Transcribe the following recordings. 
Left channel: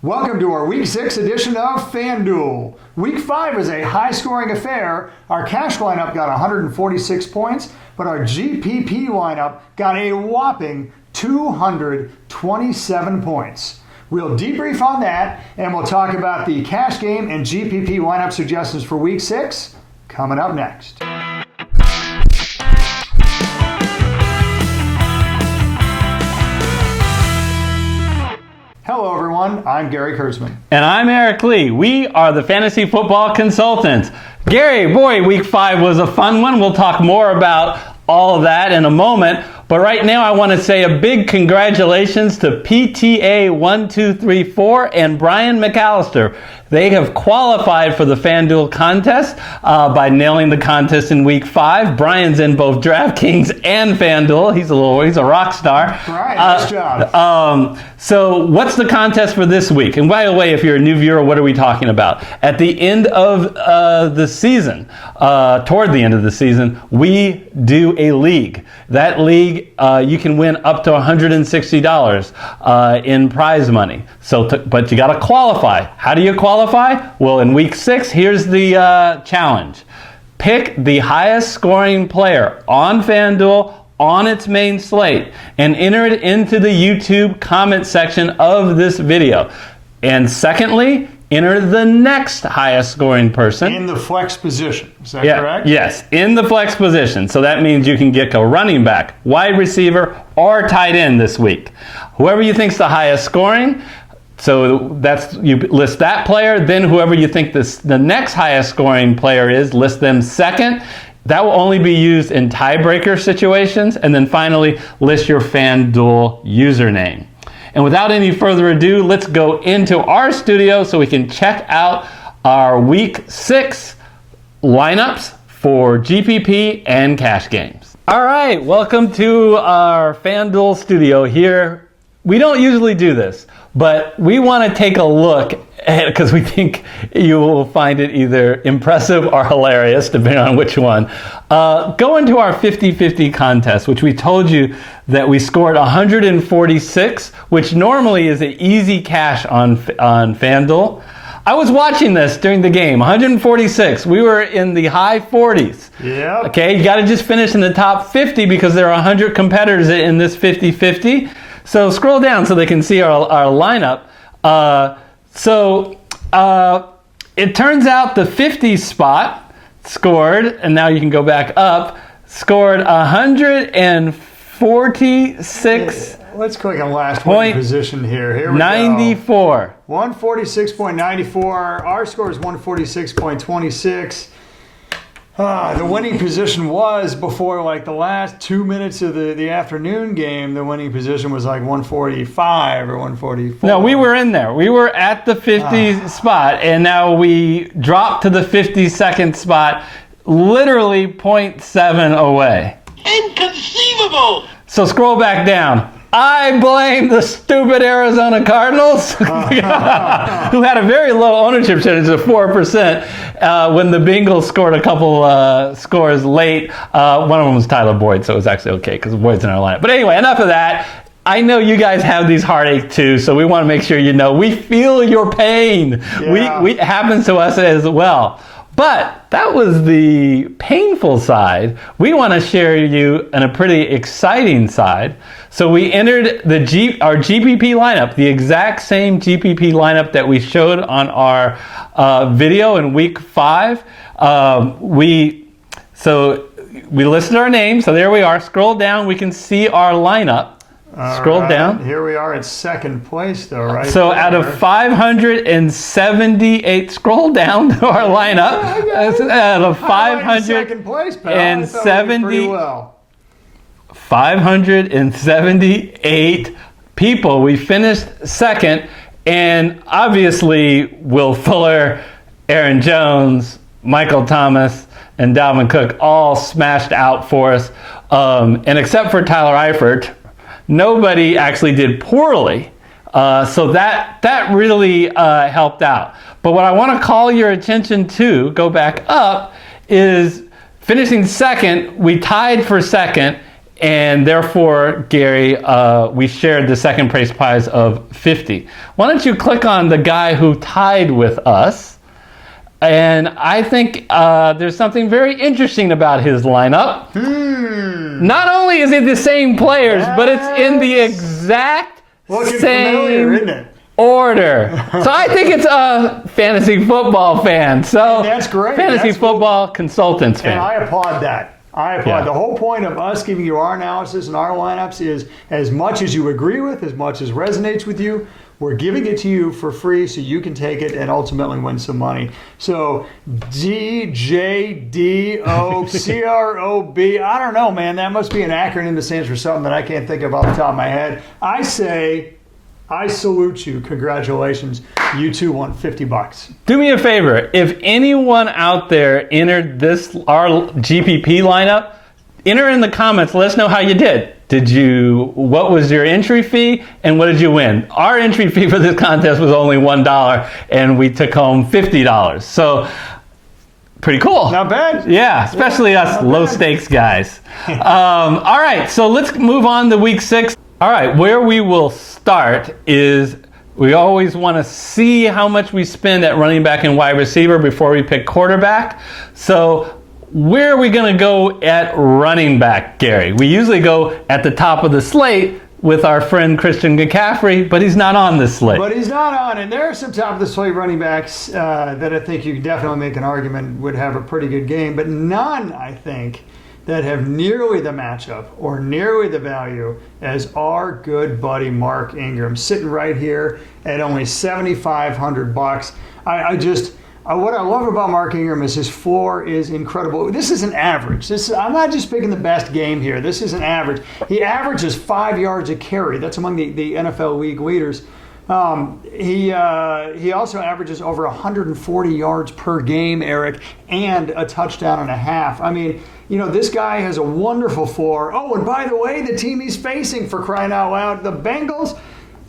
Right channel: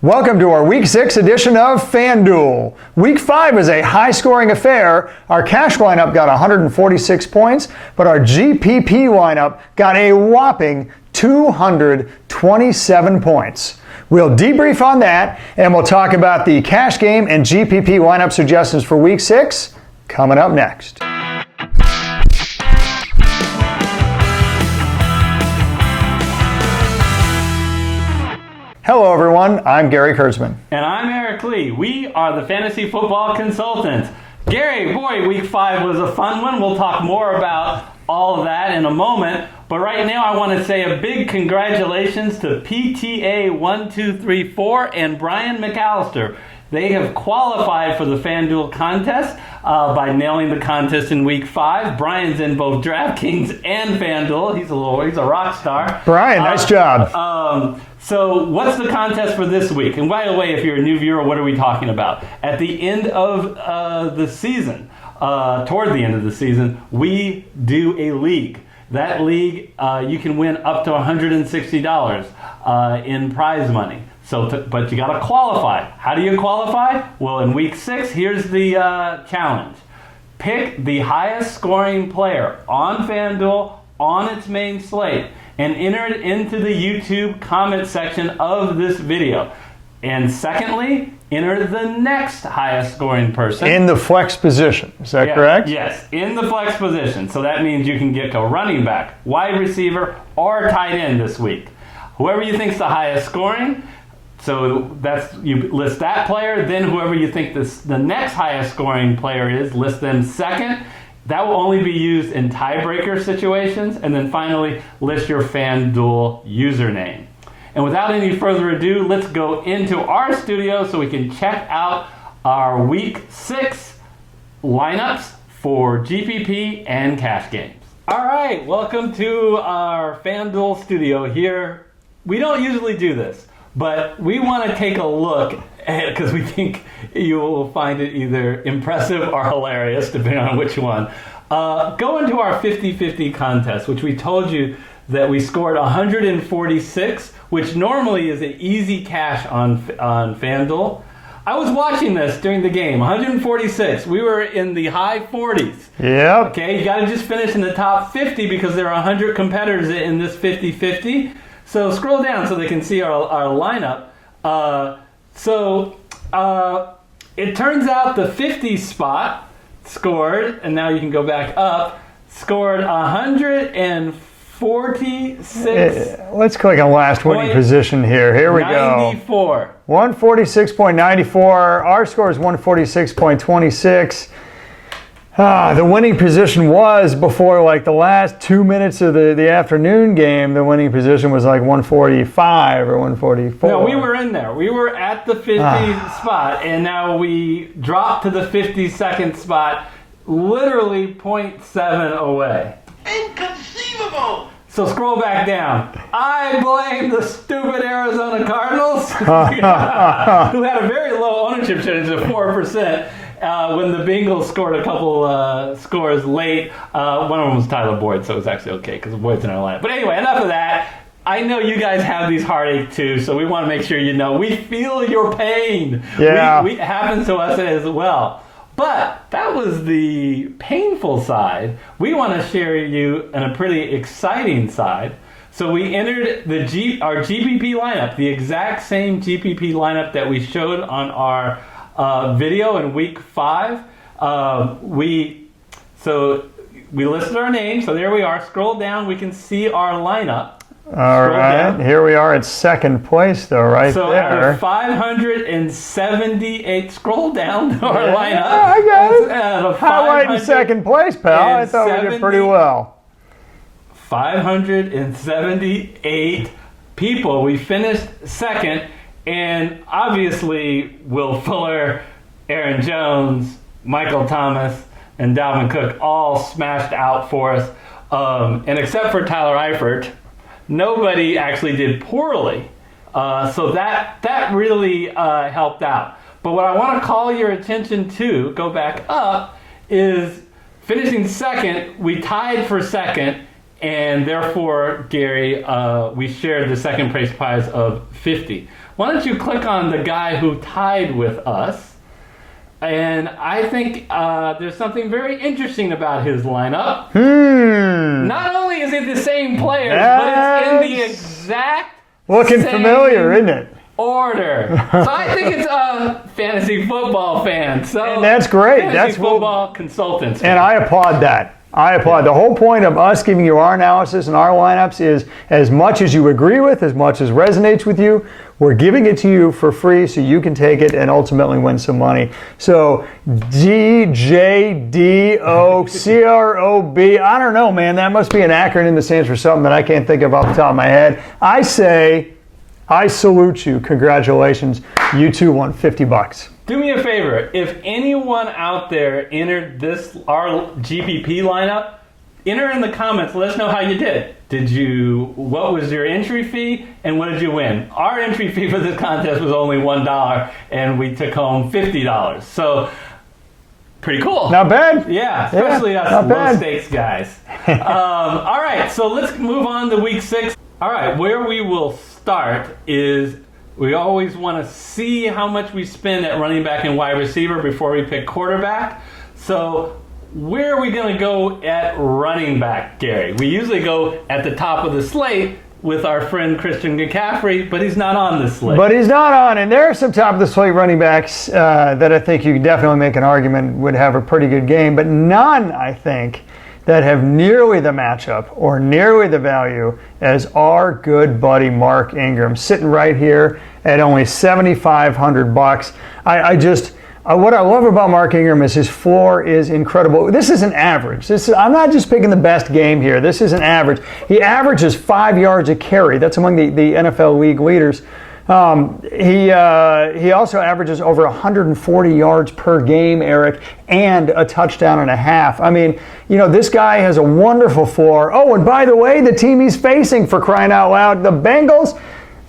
Welcome to our Week 6 edition of FanDuel. Week 5 is a high-scoring affair. Our cash lineup got 146 points, but our GPP lineup got a whopping 227 points. We'll debrief on that, and we'll talk about the cash game and GPP lineup suggestions for Week 6 coming up next. Hello everyone, I'm Gary Kurtzman. And I'm Eric Lee. We are the Fantasy Football Consultants. Gary, boy, Week 5 was a fun one. We'll talk more about all of that in a moment. But right now I want to say a big congratulations to PTA1234 and Brian McAllister. They have qualified for the FanDuel contest by nailing the contest in Week 5. Brian's in both DraftKings and FanDuel. He's a rock star. Brian, nice job. So what's the contest for this week? And by the way, if you're a new viewer, what are we talking about? At the end of the season, toward the end of the season, we do a league. That league, you can win up to $160 in prize money. But you got to qualify. How do you qualify? Well, in Week 6, here's the challenge. Pick the highest scoring player on FanDuel on its main slate and enter it into the YouTube comment section of this video. And secondly, enter the next highest scoring person. In the flex position, is that correct? Yes, in the flex position. So that means you can get a running back, wide receiver, or tight end this week. Whoever you think's the highest scoring, so you list that player, then whoever you think the next highest scoring player is, list them second. That will only be used in tiebreaker situations. And then finally, list your FanDuel username. And without any further ado, let's go into our studio so we can check out our Week 6 lineups for GPP and cash games. All right, welcome to our FanDuel studio here. We don't usually do this, but we want to take a look at it because we think you will find it either impressive or hilarious, depending on which one. Go into our 50-50 contest, which we told you that we scored 146, which normally is an easy cash on FanDuel. I was watching this during the game, 146. We were in the high 40s. Yeah. Okay, you got to just finish in the top 50 because there are 100 competitors in this 50-50. So scroll down so they can see our lineup. It turns out the 50 spot scored, and now you can go back up, scored 146. Let's click on last winning position here. Here we 94. go. 146.94. Our score is 146.26. The winning position was before the last 2 minutes of the afternoon game. The winning position was 145 or 144. No, we were in there. We were at the 50 spot, and now we dropped to the 52nd spot, literally 0.7 away. Inconceivable! So scroll back down. I blame the stupid Arizona Cardinals, who had a very low ownership percentage of 4%. When the Bengals scored a couple scores late. One of them was Tyler Boyd, so it was actually okay because Boyd's in our lineup. But anyway, enough of that. I know you guys have these heartaches too, so we want to make sure you know we feel your pain. Yeah. It happens to us as well. But that was the painful side. We want to share you a pretty exciting side. So we entered our GPP lineup, the exact same GPP lineup that we showed on our video in Week 5. We listed our names, so there we are. Scroll down, we can see our lineup. Scroll down. Here we are at second place, though, right? So there. Out of 578, scroll down to our lineup. Yeah, I got it. Out of 500 second place, pal. I thought we did pretty well. 578 people. We finished second, and obviously Will Fuller, Aaron Jones, Michael Thomas, and Dalvin Cook all smashed out for us. And except for Tyler Eifert, nobody actually did poorly. So that really helped out. But what I want to call your attention to, go back up, is finishing second, we tied for second, And therefore, Gary, we shared the second place prize of 50. Why don't you click on the guy who tied with us? And I think there's something very interesting about his lineup. Not only is it the same players, but it's in the exact Looking same familiar, isn't it? order. So I think it's a fantasy football fan. So And that's great. Fantasy That's football consultants fan. And I applaud that. I applaud. Yeah. The whole point of us giving you our analysis and our lineups is as much as you agree with, as much as resonates with you, we're giving it to you for free so you can take it and ultimately win some money. So DJDOCROB, I don't know, man. That must be an acronym that stands for something that I can't think of off the top of my head. I say, I salute you. Congratulations. You too won $50. Do me a favor. If anyone out there entered our GPP lineup, enter in the comments. Let us know how you did. What was your entry fee and what did you win? Our entry fee for this contest was only $1 and we took home $50. So pretty cool. Not bad. Yeah, especially us not low bad. stakes guys. All right, so let's move on to week 6. All right, where we will start is we always want to see how much we spend at running back and wide receiver before we pick quarterback. So where are we going to go at running back, Gary? We usually go at the top of the slate with our friend Christian McCaffrey, but he's not on this slate. But he's not on, and there are some top of the slate running backs that I think you can definitely make an argument would have a pretty good game, but none, I think, that have nearly the matchup or nearly the value as our good buddy Mark Ingram, sitting right here at only $7,500. What I love about Mark Ingram is his floor is incredible. This is an average. I'm not just picking the best game here. This is an average. He averages 5 yards a carry. That's among the NFL league leaders. He also averages over 140 yards per game, Eric, and a touchdown and a half. I mean, this guy has a wonderful floor. Oh, and by the way, the team he's facing, for crying out loud, the Bengals,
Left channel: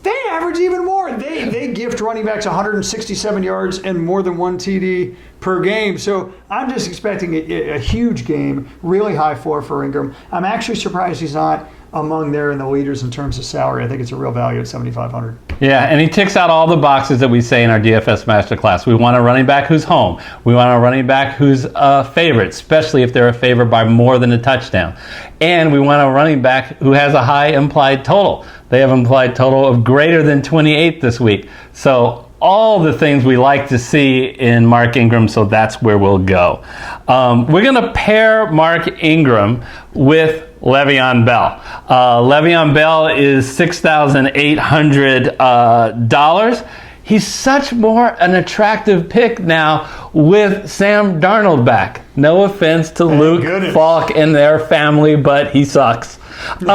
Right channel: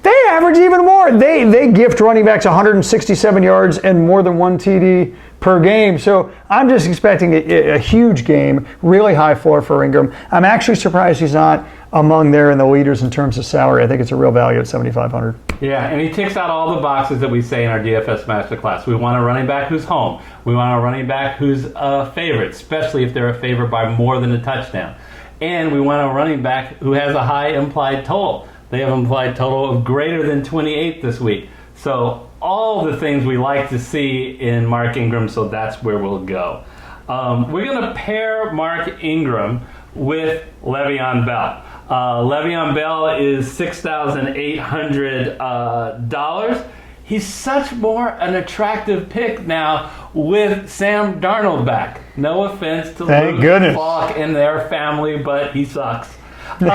they average even more. They gift running backs 167 yards and more than 1 TD per game. So I'm just expecting a huge game, really high floor for Ingram. I'm actually surprised he's not among there in the leaders in terms of salary. I think it's a real value at $7,500. Yeah, and he ticks out all the boxes that we say in our DFS Master Class. We want a running back who's home. We want a running back who's a favorite, especially if they're a favorite by more than a touchdown. And we want a running back who has a high implied total. They have an implied total of greater than 28 this week. So all the things we like to see in Mark Ingram, so that's where we'll go. We're going to pair Mark Ingram with Le'Veon Bell. Le'Veon Bell is $6,800. He's such more an attractive pick now with Sam Darnold back. No offense to Thank Luke goodness. Falk and their family, but he sucks. Sam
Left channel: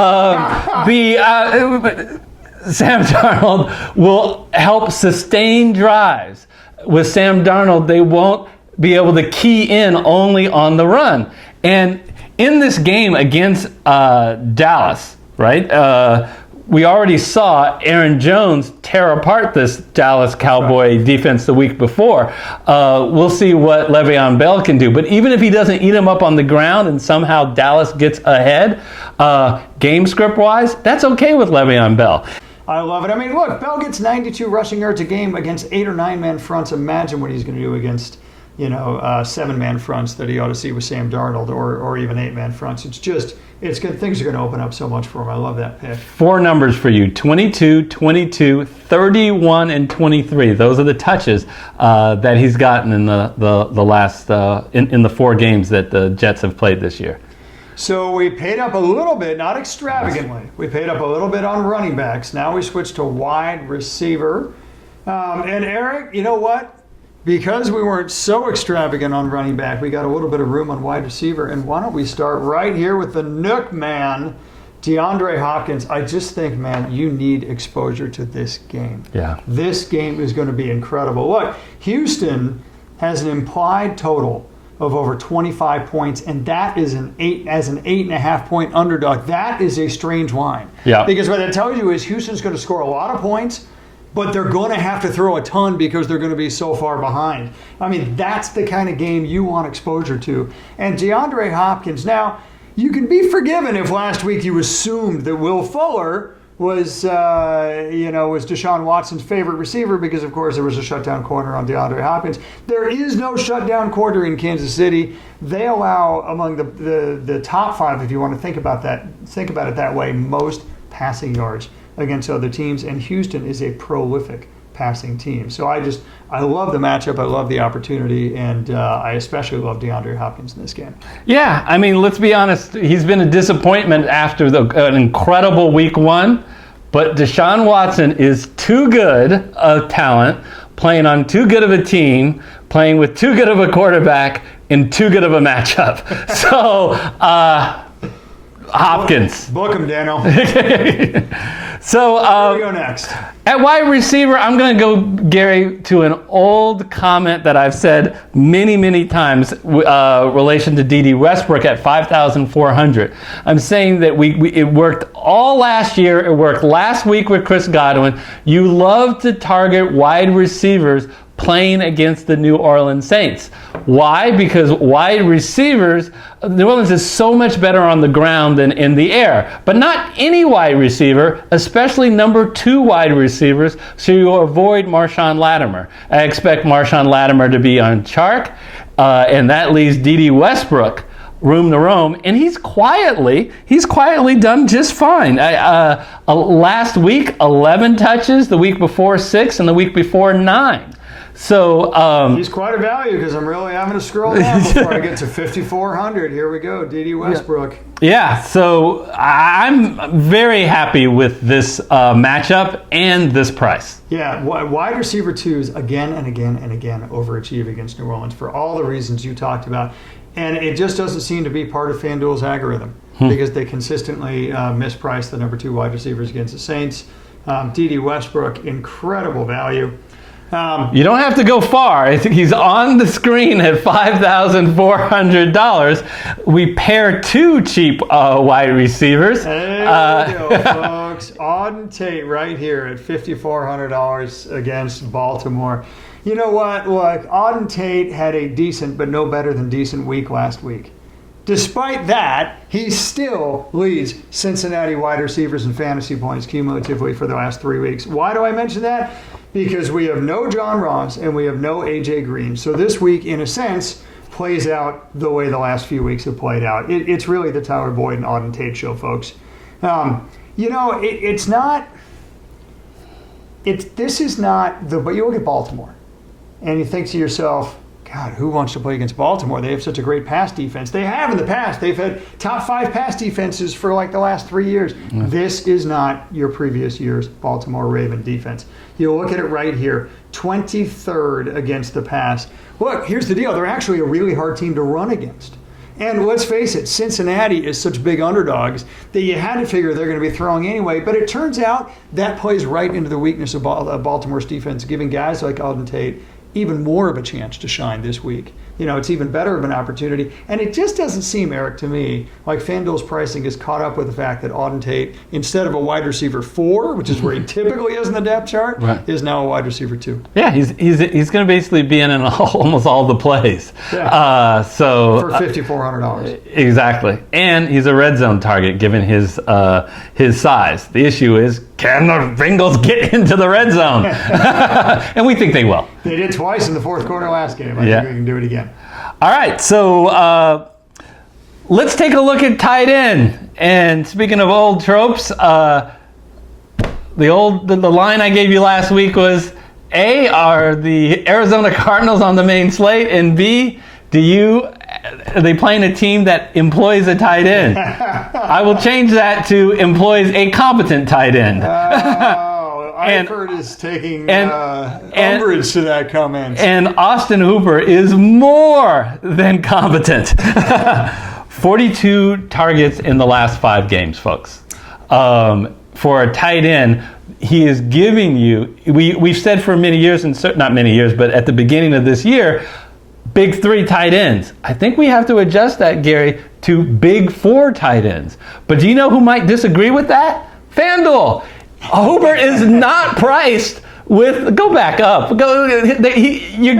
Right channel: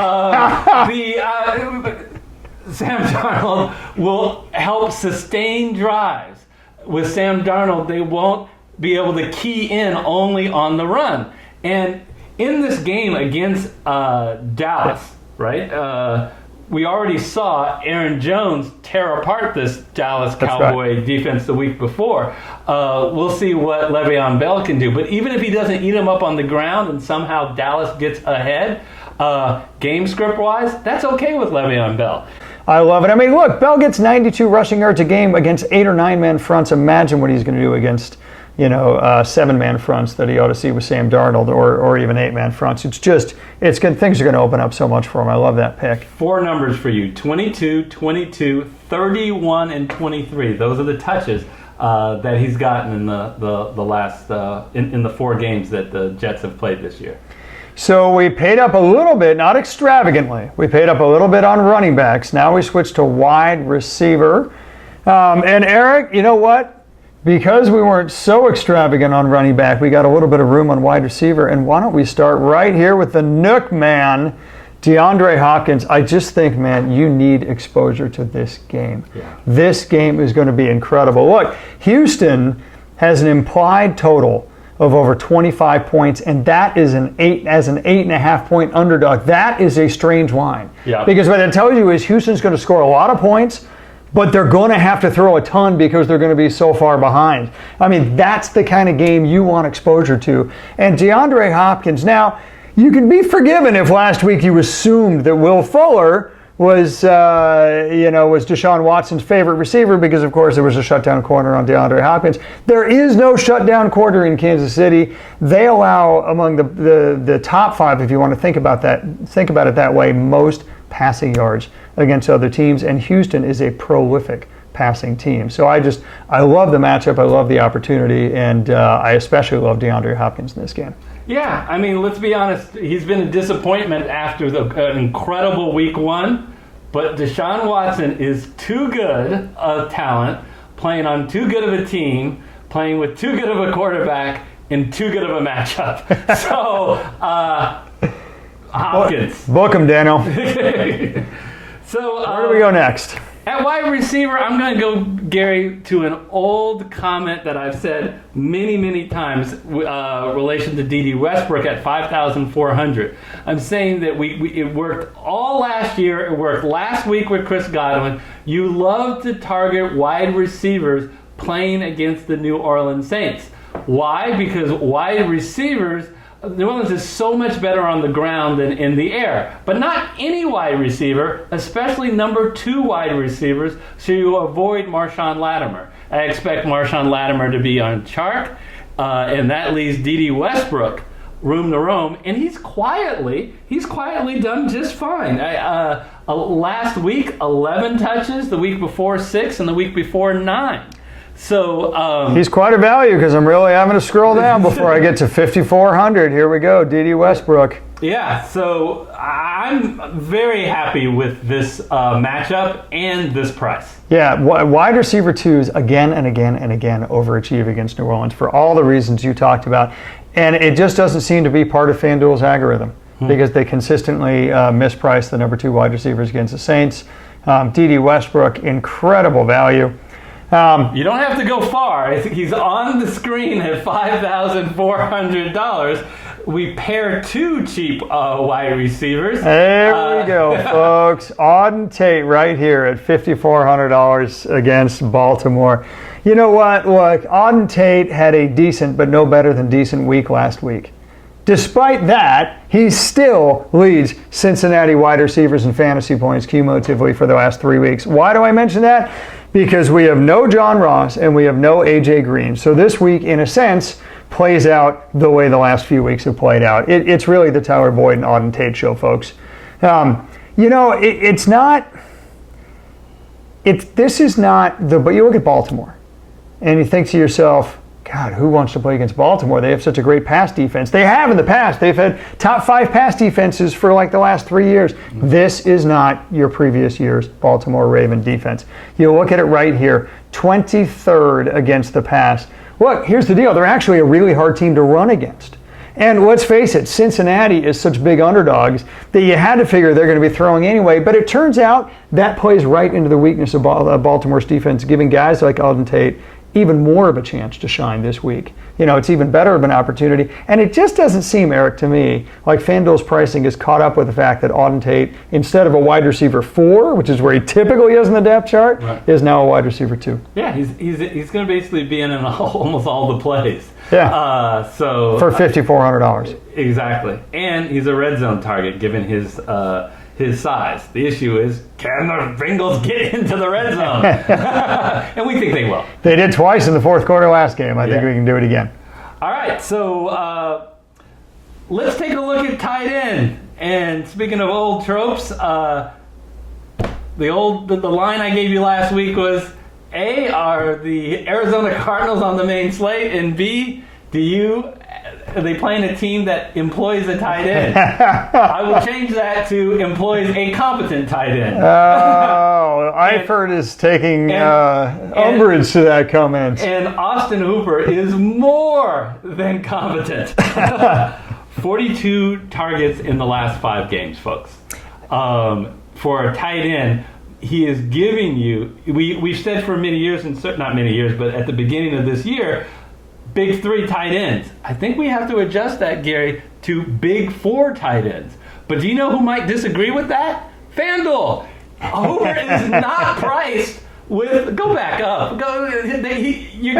Darnold will help sustain drives. With Sam Darnold, they won't be able to key in only on the run. And in this game against Dallas, right, we already saw Aaron Jones tear apart this Dallas Cowboy defense the week before. We'll see what Le'Veon Bell can do. But even if he doesn't eat him up on the ground and somehow Dallas gets ahead, game script-wise, that's okay with Le'Veon Bell. I love it. I mean, look, Bell gets 92 rushing yards a game against 8 or 9 man fronts. Imagine what he's going to do against, 7-man fronts that he ought to see with Sam Darnold, or even 8-man fronts. It's good. Things are going to open up so much for him. I love that pick. 4 numbers for you: 22, 22, 31, and 23. Those are the touches that he's gotten in the last in the 4 games that the Jets have played this year. So we paid up a little bit, not extravagantly. We paid up a little bit on running backs. Now we switch to wide receiver. And Eric, you know what? Because we weren't so extravagant on running back, we got a little bit of room on wide receiver. And why don't we start right here with the Nook man, DeAndre Hopkins. I just think, man, you need exposure to this game. Yeah. This game is going to be incredible. Look, Houston has an implied total of over 25 points, and that is an 8.5 point underdog. That is a strange line. Yeah. Because what it tells you is Houston's going to score a lot of points, but they're going to have to throw a ton because they're going to be so far behind. I mean, that's the kind of game you want exposure to. And DeAndre Hopkins, now, you can be forgiven if last week you assumed that Will Fuller was Deshaun Watson's favorite receiver because, of course, there was a shutdown corner on DeAndre Hopkins. There is no shutdown corner in Kansas City. They allow among the top 5, if you want to think about it that way, most passing yards against other teams, and Houston is a prolific passing team. So I love the matchup, I love the opportunity, and I especially love DeAndre Hopkins in this game. Yeah, I mean, let's be honest, he's been a disappointment after an incredible week 1, but Deshaun Watson is too good a talent, playing on too good of a team, playing with too good of a quarterback, in too good of a matchup. So, Hopkins. Book him, Daniel. So, where do we go next? At wide receiver, I'm going to go, Gary, to an old comment that I've said many, many times relation to D.D. Westbrook at 5,400. I'm saying that it worked all last year. It worked last week with Chris Godwin. You love to target wide receivers playing against the New Orleans Saints. Why? Because wide receivers, New Orleans is so much better on the ground than in the air. But not any wide receiver, especially number 2 wide receivers, so you avoid Marshawn Lattimore. I expect Marshawn Lattimore to be on Chark, and that leaves D.D. Westbrook room to roam, and he's quietly done just fine. Last week, 11 touches, the week before 6, and the week before 9. So he's quite a value because I'm really having to scroll down before I get to 5,400. Here we go, D.D. Westbrook. Yeah, so I'm very happy with this matchup and this price. Yeah, wide receiver 2s again and again and again overachieve against New Orleans for all the reasons you talked about. And it just doesn't seem to be part of FanDuel's algorithm because they consistently misprice the number 2 wide receivers against the Saints. D.D. Westbrook, incredible value. You don't have to go far. He's on the screen at $5,400. We pair 2 cheap wide receivers. There we go, folks. Auden Tate right here at $5,400 against Baltimore. You know what? Look, Auden Tate had a decent but no better than decent week last week. Despite that, he still leads Cincinnati wide receivers in fantasy points cumulatively for the last 3 weeks. Why do I mention that? Because we have no John Ross and we have no A.J. Green. So this week, in a sense, plays out the way the last few weeks have played out. It's really the Tyler Boyd and Auden Tate show, folks. This is not but you look at Baltimore and you think to yourself, God, who wants to play against Baltimore? They have such a great pass defense. They have in the past. They've had top 5 pass defenses for like the last 3 years. Mm-hmm. This is not your previous year's Baltimore Raven defense. You look at it right here, 23rd against the pass. Look, here's the deal. They're actually a really hard team to run against. And let's face it, Cincinnati is such big underdogs that you had to figure they're going to be throwing anyway. But it turns out that plays right into the weakness of Baltimore's defense, giving guys like Auden Tate even more of a chance to shine this week. It's even better of an opportunity. And it just doesn't seem, Eric, to me, like FanDuel's pricing is caught up with the fact that Auden Tate, instead of a wide receiver 4, which is where he typically is in the depth chart, is now a wide receiver 2. Yeah, he's going to basically be in almost all the plays. Yeah. For $5,400. Exactly. And he's a red zone target given his size. The issue is, can the Bengals get into the red zone? And we think they will. They did twice in the fourth quarter last game. I think we can do it again. All right, so let's take a look at tight end. And speaking of old tropes, the line I gave you last week was A, are the Arizona Cardinals on the main slate, and B, are they playing a team that employs a tight end? I will change that to employs a competent tight end. Oh, Eifert is taking umbrage to that comment. And Austin Hooper is more than competent. 42 targets in the last 5 games, folks. For a tight end, he is giving you, we've said for many years, not many years, but at the beginning of this year, big 3 tight ends. I think we have to adjust that, Gary, to big 4 tight ends. But do you know who might disagree with that? FanDuel. Hooper is not priced Go back up. You're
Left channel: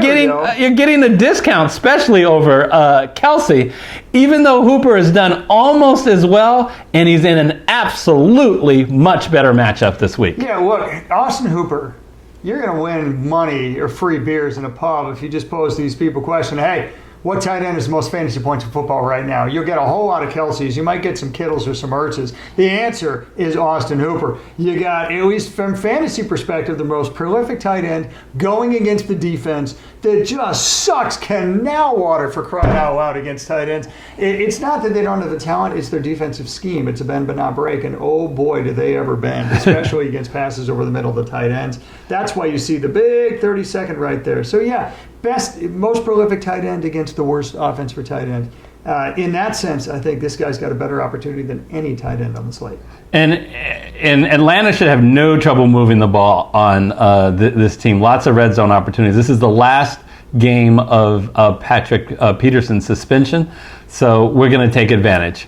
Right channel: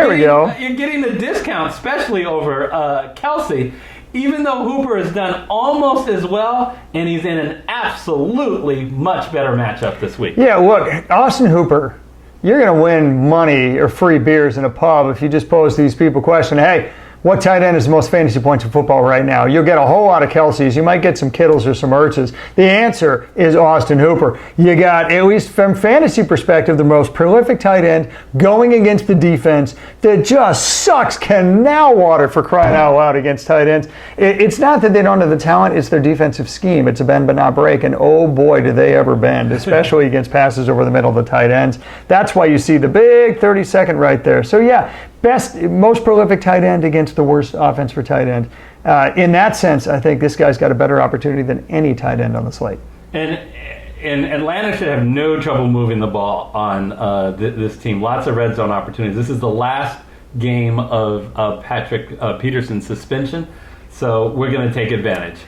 getting a discount, especially over Kelsey, even though Hooper has done almost as well, and he's in an absolutely much better matchup this week. Yeah, look, Austin Hooper, you're going to win money or free beers in a pub if you just pose these people a question, hey, what tight end is the most fantasy points in football right now? You'll get a whole lot of Kelseys. You might get some Kittles or some Ertzes. The answer is Austin Hooper. You got, at least from fantasy perspective, the most prolific tight end going against the defense that just sucks canal water, for crying out loud, against tight ends. It's not that they don't have the talent, it's their defensive scheme. It's a bend but not break, and oh boy, do they ever bend, especially against passes over the middle of the tight ends. That's why you see the big 30-second right there. So yeah, most prolific tight end against the worst offense for tight end. In that sense, I think this guy's got a better opportunity than any tight end on the slate. And Atlanta should have no trouble moving the ball on this team. Lots of red zone opportunities. This is the last game of Patrick Peterson's suspension, so we're going to take advantage.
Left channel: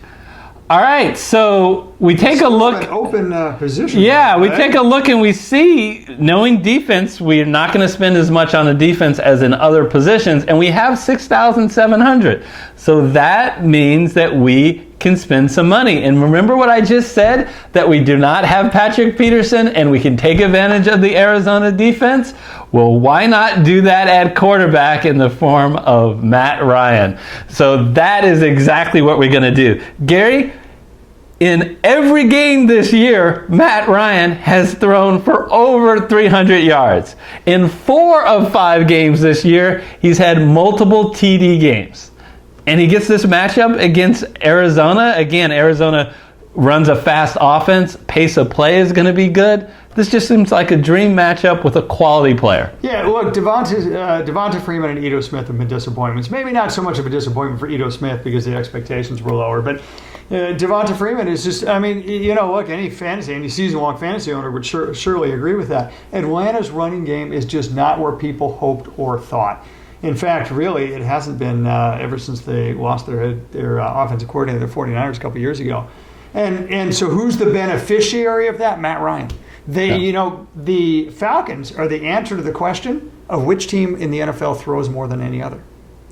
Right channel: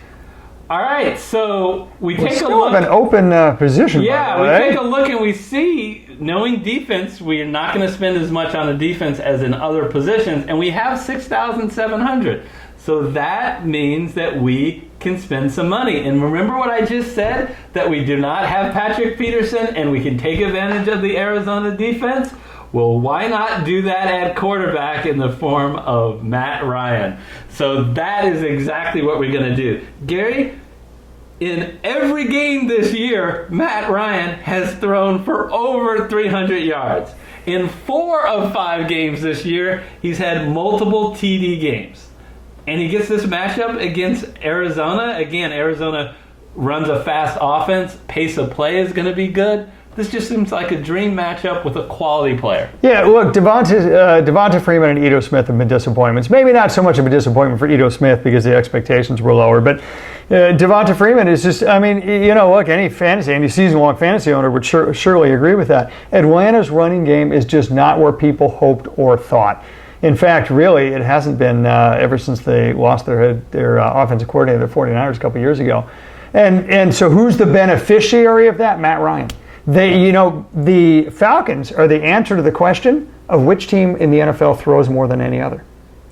All right, so we take a look. An open position. Yeah, we take a look and we see, knowing defense, we're not going to spend as much on the defense as in other positions, and we have 6,700. So that means that we can spend some money. And remember what I just said, that we do not have Patrick Peterson and we can take advantage of the Arizona defense? Well, why not do that at quarterback in the form of Matt Ryan? So that is exactly what we're going to do. Gary, in every game this year, Matt Ryan has thrown for over 300 yards. In 4 of 5 games this year, he's had multiple TD games. And he gets this matchup against Arizona. Again, Arizona runs a fast offense. Pace of play is going to be good. This just seems like a dream matchup with a quality player. Yeah, look, Devonta Freeman and Ito Smith have been disappointments. Maybe not so much of a disappointment for Ito Smith because the expectations were lower, but Devonta Freeman is just, I mean, look, any season-long fantasy owner would surely agree with that. Atlanta's running game is just not where people hoped or thought. In fact, really, it hasn't been ever since they lost their offensive coordinator, the 49ers, a couple years ago. And so who's the beneficiary of that? Matt Ryan. The Falcons are the answer to the question of which team in the NFL throws more than any other.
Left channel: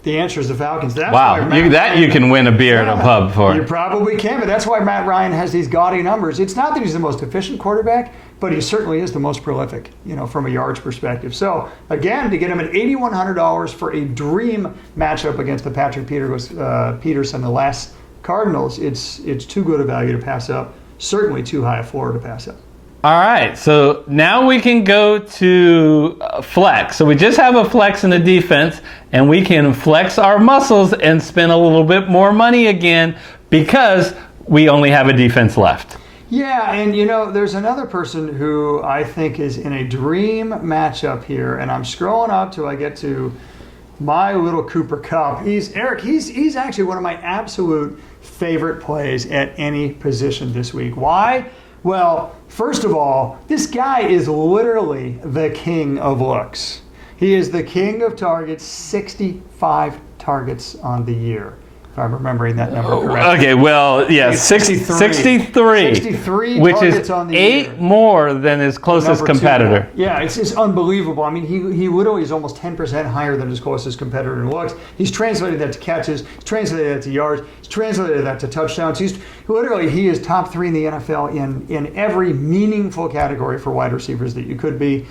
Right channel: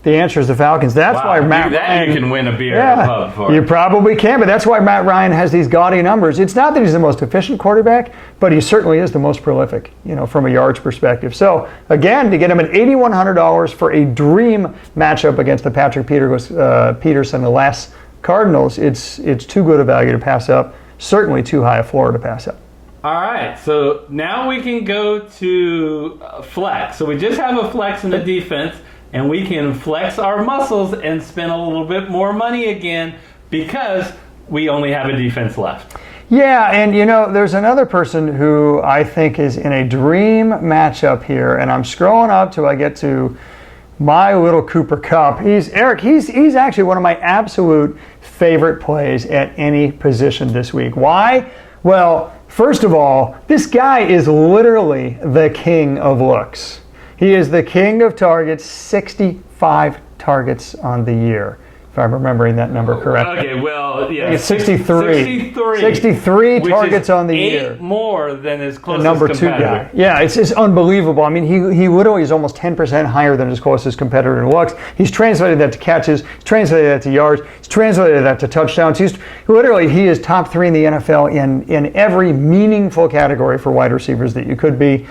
The answer is the Falcons. That's why Matt Ryan, you can win a beer at a pub for. You probably can, but that's why Matt Ryan has these gaudy numbers. It's not that he's the most efficient quarterback, but he certainly is the most prolific, from a yards perspective. So again, to get him at $8,100 for a dream matchup against the Patrick Peterson, the last Cardinals, it's too good a value to pass up. Certainly too high a floor to pass up. All right, so now we can go to flex. So we just have a flex in the defense, and we can flex our muscles and spend a little bit more money again because we only have a defense left. Yeah, and there's another person who I think is in a dream matchup here, and I'm scrolling up till I get to my little Cooper Kupp. He's actually one of my absolute favorite plays at any position this week. Why? Well, first of all, this guy is literally the king of looks. He is the king of targets, 65 targets on the year, if I'm remembering that number correctly. Okay, well, yeah, 63. 63 which targets is on the year. 8 more than his closest competitor. Yeah, it's unbelievable. I mean, he literally is almost 10% higher than his closest competitor in looks. He's translated that to catches. He's translated that to yards. He's translated that to touchdowns. He is top 3 in the NFL in every meaningful category for wide receivers that you could be.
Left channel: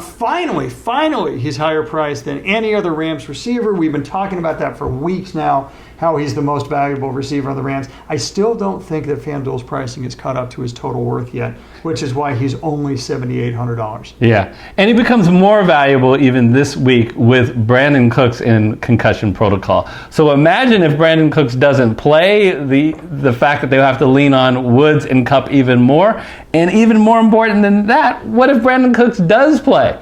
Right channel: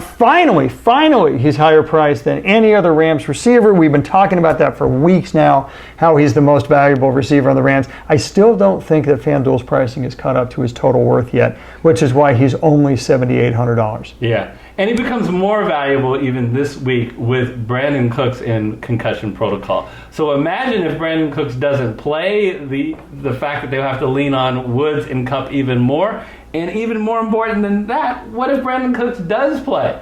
Finally, he's higher priced than any other Rams receiver. We've been talking about that for weeks now, how he's the most valuable receiver on the Rams. I still don't think that FanDuel's pricing is caught up to his total worth yet, which is why he's only $7,800. Yeah, and he becomes more valuable even this week with Brandon Cooks in concussion protocol. So imagine if Brandon Cooks doesn't play, the fact that they'll have to lean on Woods and Kupp even more. And even more important than that, what if Brandon Cooks does play?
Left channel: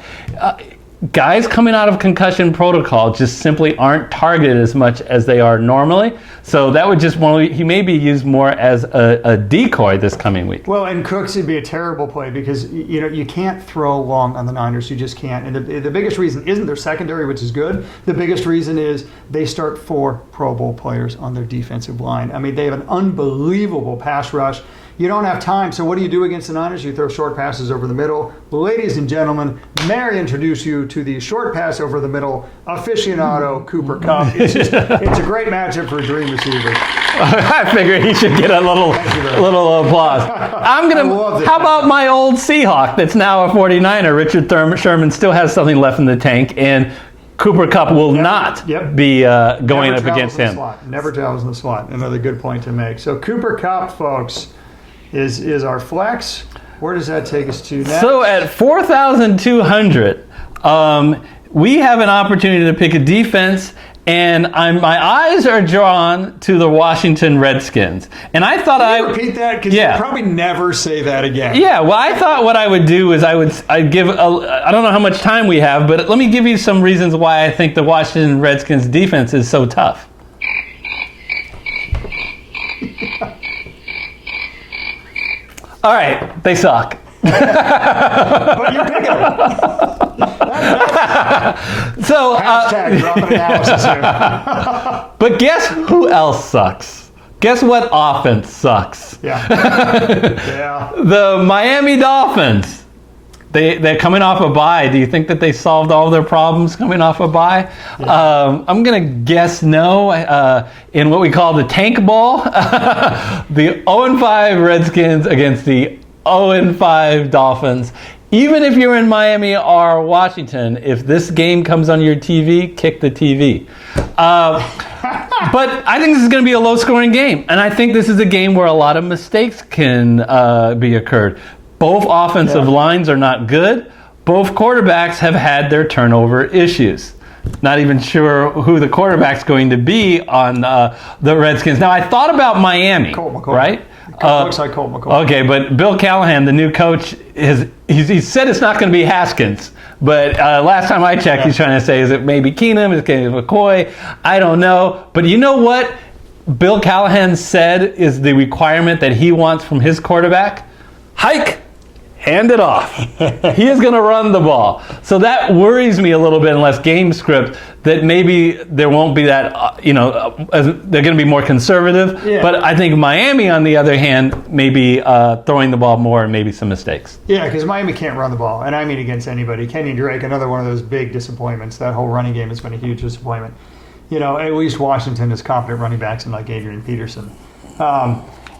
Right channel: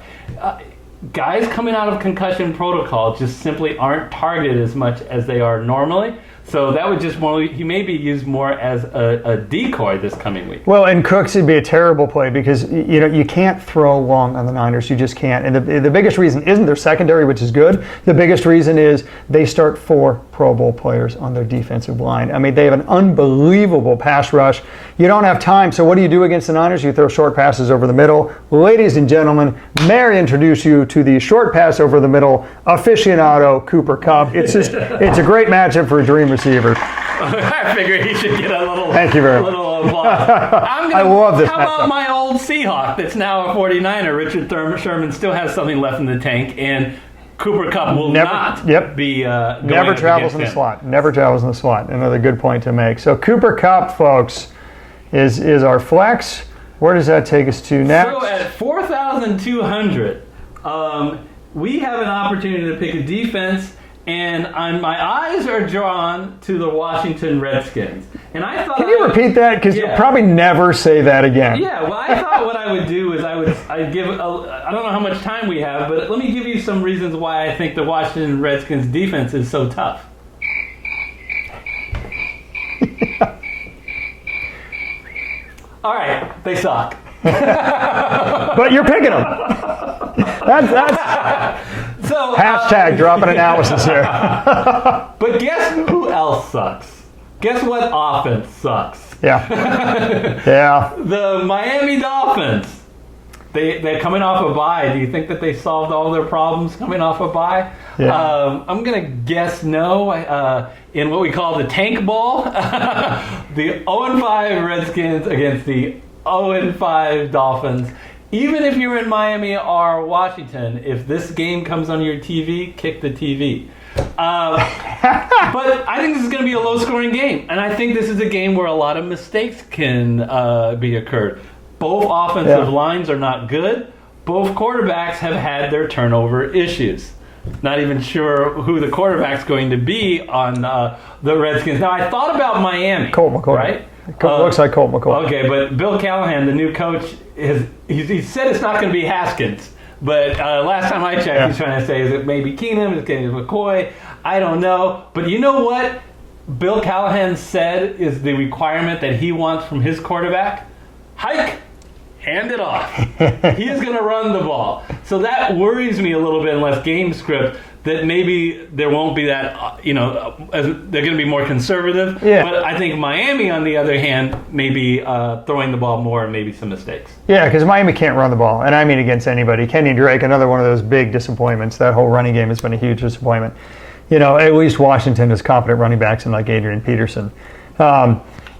guys coming out of concussion protocol just simply aren't targeted as much as they are normally. So that would just he may be used more as a decoy this coming week. Well, and Cooks would be a terrible play because you can't throw long on the Niners. You just can't. And the biggest reason isn't their secondary, which is good. The biggest reason is they start 4 Pro Bowl players on their defensive line. I mean, they have an unbelievable pass rush. You don't have time, so what do you do against the Niners? You throw short passes over the middle. Ladies and gentlemen, may I introduce you to the short pass over the middle aficionado, Cooper Kupp. It's a great matchup for a dream receiver. I figured he should get a little applause. How about my old Seahawk that's now a 49er? Richard Sherman still has something left in the tank, and Cooper Kupp will not be going up against him. Never travels in the slot. Another good point to make. So Cooper Kupp, folks, is our flex. Where does that take us to next? So at 4,200, we have an opportunity to pick a defense, and my eyes are drawn to the Washington Redskins. And I thought Can you repeat that? Because you'll probably never say that again. Yeah, well, I thought what I would do is I'd give, I don't know how much time we have, but let me give you some reasons why I think the Washington Redskins defense is so tough. All right, they suck. But you're picking them. So hashtag dropping analysis here. But guess who else sucks? Guess what offense sucks? Yeah. The Miami Dolphins. They're coming off a bye. Do you think that they solved all their problems coming off a bye? Yeah. I'm going to guess no. In what we call the tank ball, the 0-5 Redskins against the 0-5 Dolphins. Even if you're in Miami or Washington, if this game comes on your TV, kick the TV. But I think this is going to be a low-scoring game, and I think this is a game where a lot of mistakes can be occurred. Both offensive lines are not good. Both quarterbacks have had their turnover issues. Not even sure who the quarterback's going to be on the Redskins. Now, I thought about Miami, Colt McCoy. right? Looks like Colt McCoy. Okay, but Bill Callahan, the new coach, he said it's not going to be Haskins. But last time I checked, he's trying to say, is it maybe Keenum? Is it going to be McCoy? I don't know. But you know what Bill Callahan said is the requirement that he wants from his quarterback? Hike. Hand it off. He is going to run the ball. So that worries me a little bit unless game script that maybe there won't be that, they're going to be more conservative. Yeah. But I think Miami, on the other hand, may be throwing the ball more and maybe some mistakes. Yeah, because Miami can't run the ball. And I mean against anybody. Kenny Drake, another one of those big disappointments. That whole running game has been a huge disappointment. At least Washington has competent running backs in like Adrian Peterson.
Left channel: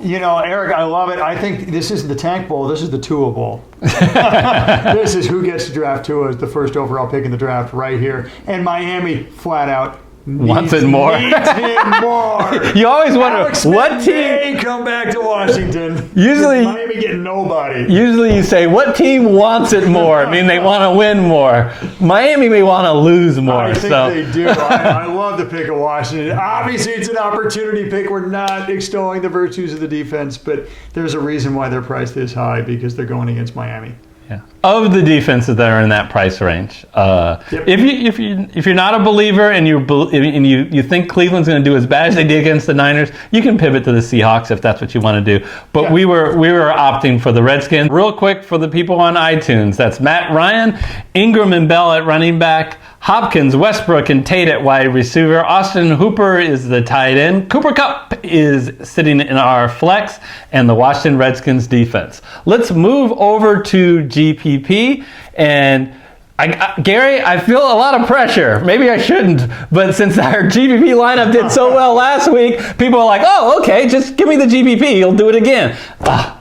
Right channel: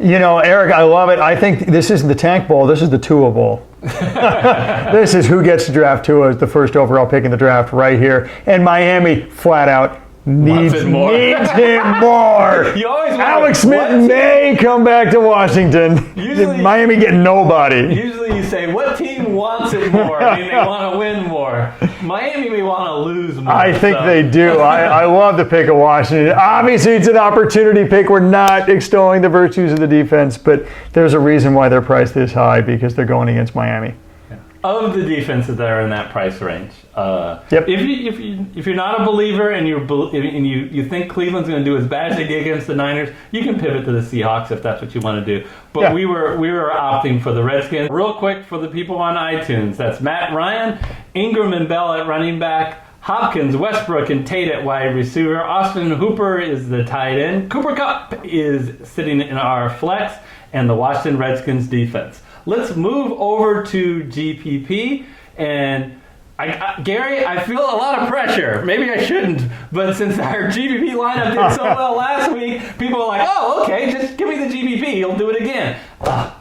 Eric, I love it. I think this isn't the Tank Bowl. This is the Tua Bowl. This is who gets to draft Tua as the first overall pick in the draft right here. And Miami, flat out, Needs him more. You always wonder, Alex Smith may come back to Washington. Usually, Miami get nobody. Usually you say, what team wants it more? I mean, they want to win more. Miami may want to lose more. I think they do. I love the pick of Washington. Obviously, it's an opportunity pick. We're not extolling the virtues of the defense, but there's a reason why they're priced this high, because they're going against Miami. Yeah. Of the defenses that are in that price range, if you're not a believer and you think Cleveland's going to do as bad as they did against the Niners, you can pivot to the Seahawks if that's what you want to do. But we were opting for the Redskins. Real quick for the people on iTunes, that's Matt Ryan, Ingram and Bell at running back, Hopkins, Westbrook, and Tate at wide receiver. Austin Hooper is the tight end. Cooper Kupp is sitting in our flex, and the Washington Redskins defense. Let's move over to GPP. And Gary, I feel a lot of pressure. Maybe I shouldn't, but since our GPP lineup did so well last week, people are like, oh, okay, just give me the GPP. You'll do it again.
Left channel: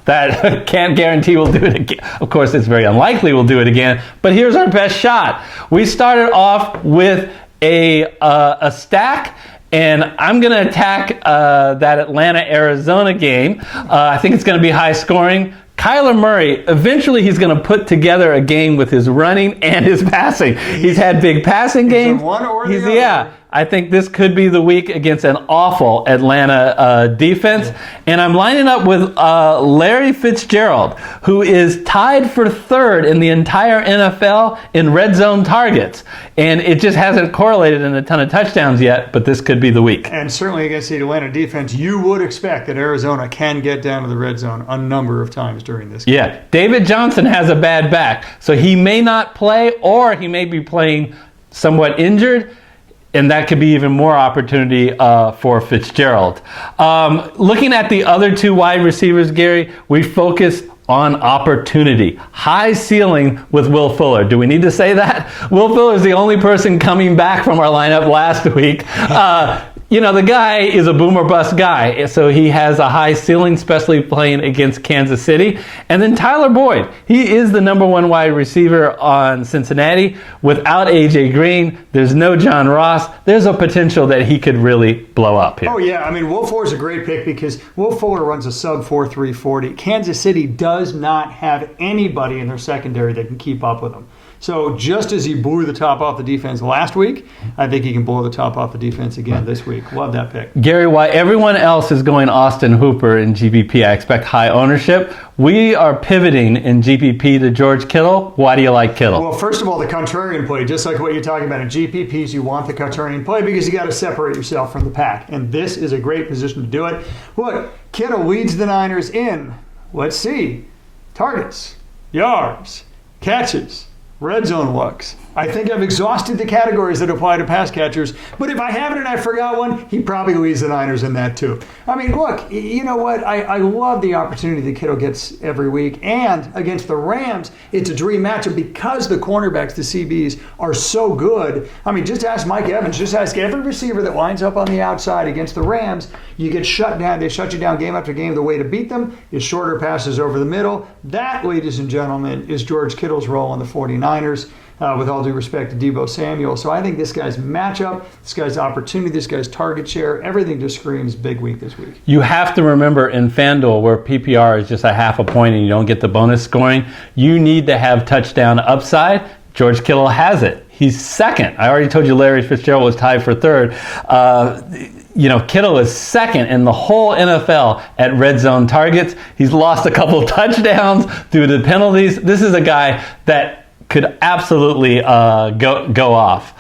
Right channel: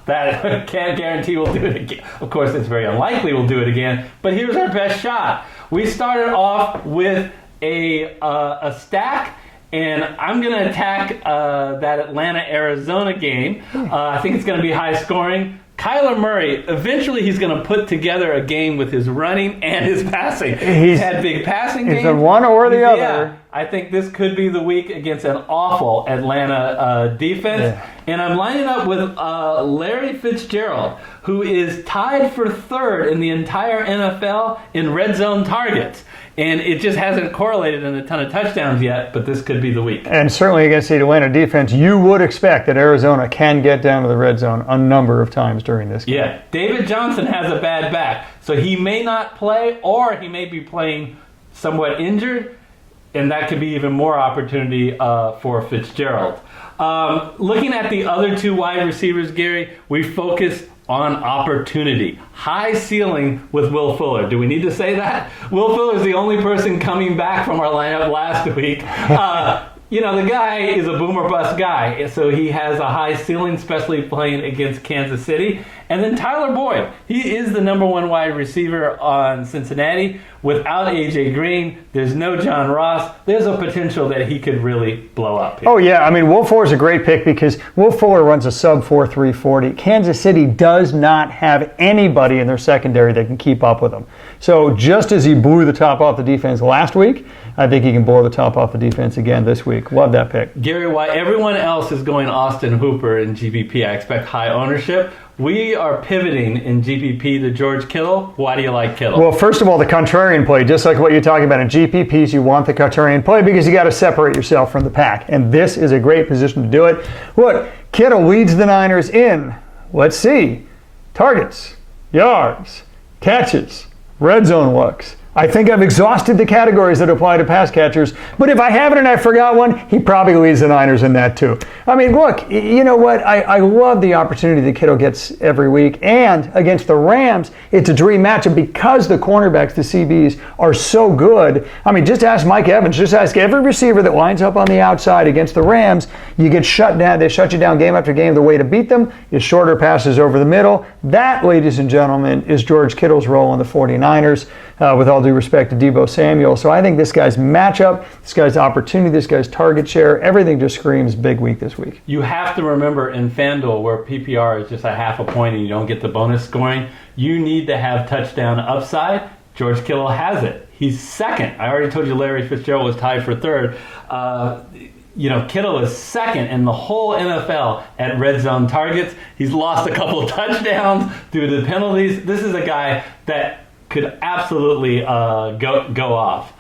That can't guarantee we'll do it again. Of course, it's very unlikely we'll do it again, but here's our best shot. We started off with a stack, and I'm going to attack that Atlanta-Arizona game. I think it's going to be high scoring. Kyler Murray, eventually he's going to put together a game with his running and his passing. He's had big passing games. It's one or the other. Yeah, I think this could be the week against an awful Atlanta defense. Yeah. And I'm lining up with Larry Fitzgerald, who is tied for third in the entire NFL in red zone targets. And it just hasn't correlated in a ton of touchdowns yet, but this could be the week. And certainly against the Atlanta defense, you would expect that Arizona can get down to the red zone a number of times during this game. Yeah, David Johnson has a bad back, so he may not play, or he may be playing somewhat injured, and that could be even more opportunity for Fitzgerald. Looking at the other two wide receivers, Gary, we focus on opportunity. High ceiling with Will Fuller. Do we need to say that? Will Fuller is the only person coming back from our lineup last week. The guy is a boom or bust guy, so he has a high ceiling, especially playing against Kansas City. And then Tyler Boyd. He is the number one wide receiver on Cincinnati. Without A.J. Green, there's no John Ross. There's a potential that he could really blow up here. Oh, yeah. I mean, Will Fuller is a great pick because Will Fuller runs a sub 4.3 40. Kansas City does not have anybody in their secondary that can keep up with him. So just as he blew the top off the defense last week, I think he can blow the top off the defense again this week. Love that pick. Gary, while everyone else is going Austin Hooper in GPP, I expect high ownership. We are pivoting in GPP to George Kittle. Why do you like Kittle? Well, first of all, the contrarian play, just like what you're talking about in GPPs, you want the contrarian play because you got to separate yourself from the pack. And this is a great position to do it. Look, Kittle leads the Niners in, let's see, targets, yards, catches, red zone looks. I think I've exhausted the categories that apply to pass catchers, but if I haven't and I forgot one, he probably leads the Niners in that too. I mean, look, you know what? I love the opportunity that Kittle gets every week, and against the Rams, it's a dream matchup because the cornerbacks, the CBs, are so good. I mean, just ask Mike Evans, just ask every receiver that lines up on the outside against the Rams, you get shut down, they shut you down game after game. The way to beat them is shorter passes over the middle. That, ladies and gentlemen, is George Kittle's role in the 49ers. With all due respect to Deebo Samuel. So I think this guy's matchup, this guy's opportunity, this guy's target share, everything just screams big week this week. You have to remember in FanDuel, where PPR is just a half a point and you don't get the bonus scoring, you need to have touchdown upside. George Kittle has it. He's second. I already told you Larry Fitzgerald was tied for third. Kittle is second in the whole NFL at red zone targets. He's lost a couple touchdowns due to penalties. This is a guy that could absolutely go off.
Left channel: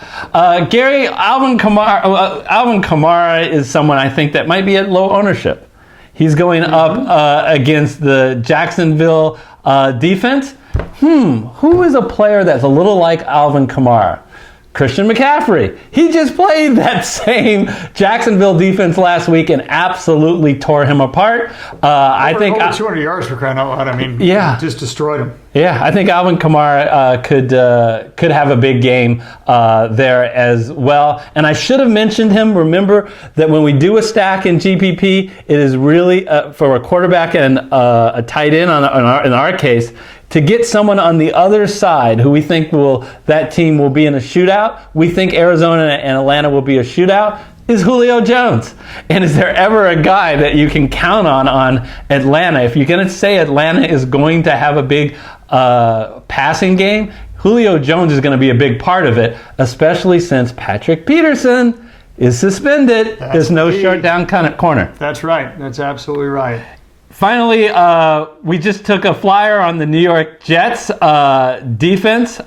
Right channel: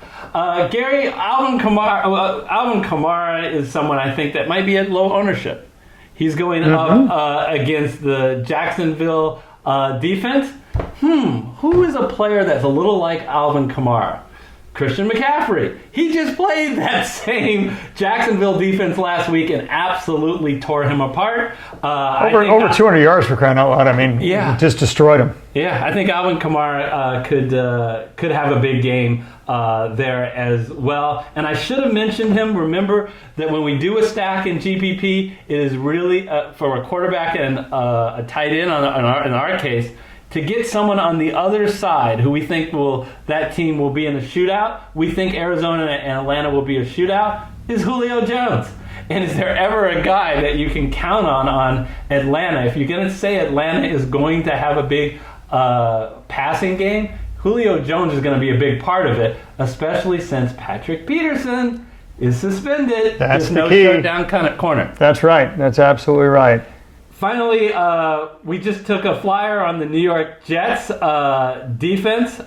Gary, Alvin Kamara is someone I think that might be at low ownership. He's going up against the Jacksonville defense. Who is a player that's a little like Alvin Kamara? Christian McCaffrey. He just played that same Jacksonville defense last week and absolutely tore him apart. I think over 200 yards for crying out loud. I mean, just destroyed him. Yeah, I think Alvin Kamara could have a big game there as well. And I should have mentioned him. Remember that when we do a stack in GPP, it is really for a quarterback and a tight end in our case, to get someone on the other side who we think that team will be in a shootout. We think Arizona and Atlanta will be a shootout. Is Julio Jones. And is there ever a guy that you can count on Atlanta? If you're going to say Atlanta is going to have a big passing game, Julio Jones is going to be a big part of it, especially since Patrick Peterson is suspended. There's no shutdown corner. That's right. That's absolutely right. Finally, we just took a flyer on the New York Jets defense.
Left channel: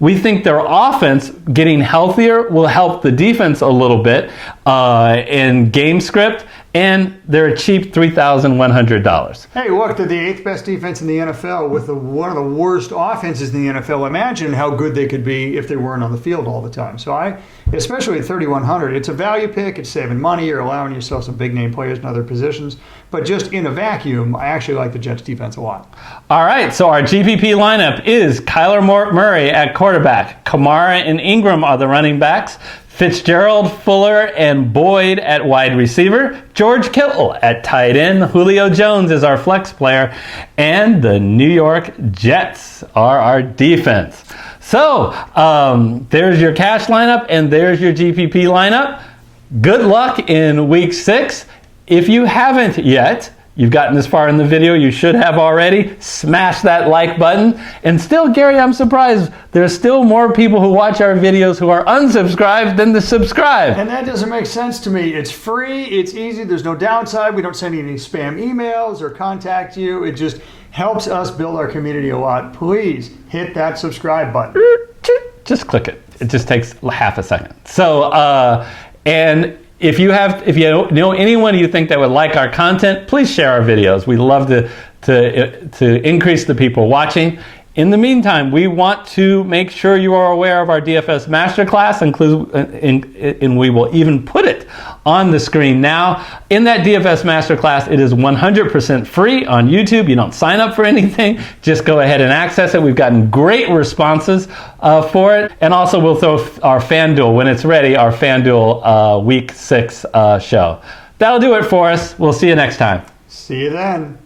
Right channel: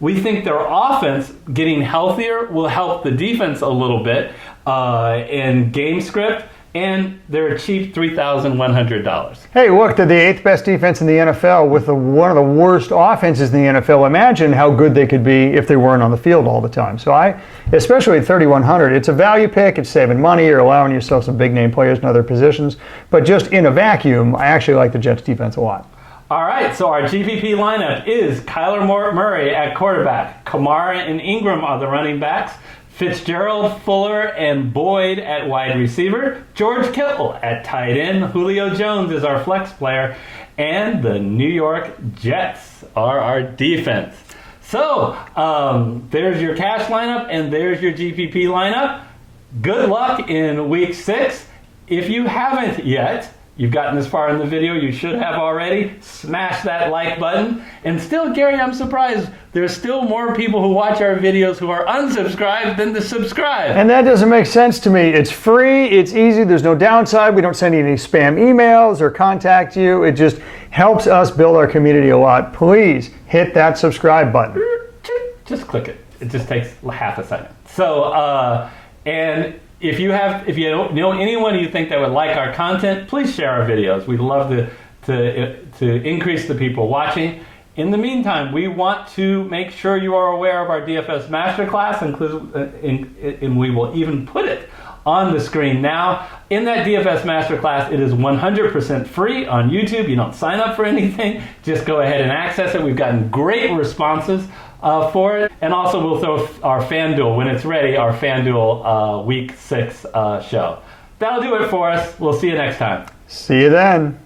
We think their offense getting healthier will help the defense a little bit in game script, and they're a cheap $3,100. Hey, look, they're the 8th best defense in the NFL with one of the worst offenses in the NFL. Imagine how good they could be if they weren't on the field all the time. So especially at 3,100, it's a value pick. It's saving money. You're allowing yourself some big-name players in other positions. But just in a vacuum, I actually like the Jets defense a lot. All right, so our GPP lineup is Kyler Murray at quarterback. Kamara and Ingram are the running backs. Fitzgerald, Fuller, and Boyd at wide receiver. George Kittle at tight end. Julio Jones is our flex player. And the New York Jets are our defense. So there's your cash lineup and there's your GPP lineup. Good luck in week 6. If you haven't yet, You've gotten this far in the video, you should have already. Smash that like button. And still, Gary, I'm surprised there's still more people who watch our videos who are unsubscribed than the subscribe. And that doesn't make sense to me. It's free, it's easy, there's no downside. We don't send you any spam emails or contact you. It just helps us build our community a lot. Please hit that subscribe button. Just click it. It just takes half a second. So, and if you know anyone you think that would like our content, please share our videos. We love to increase the people watching. In the meantime, we want to make sure you are aware of our DFS Master Class, and we will even put it on the screen now. In that DFS Master Class, it is 100% free on YouTube. You don't sign up for anything. Just go ahead and access it. We've gotten great responses for it. And also, we'll throw our FanDuel, when it's ready, our FanDuel Week 6 show. That'll do it for us. We'll see you next time. See you then.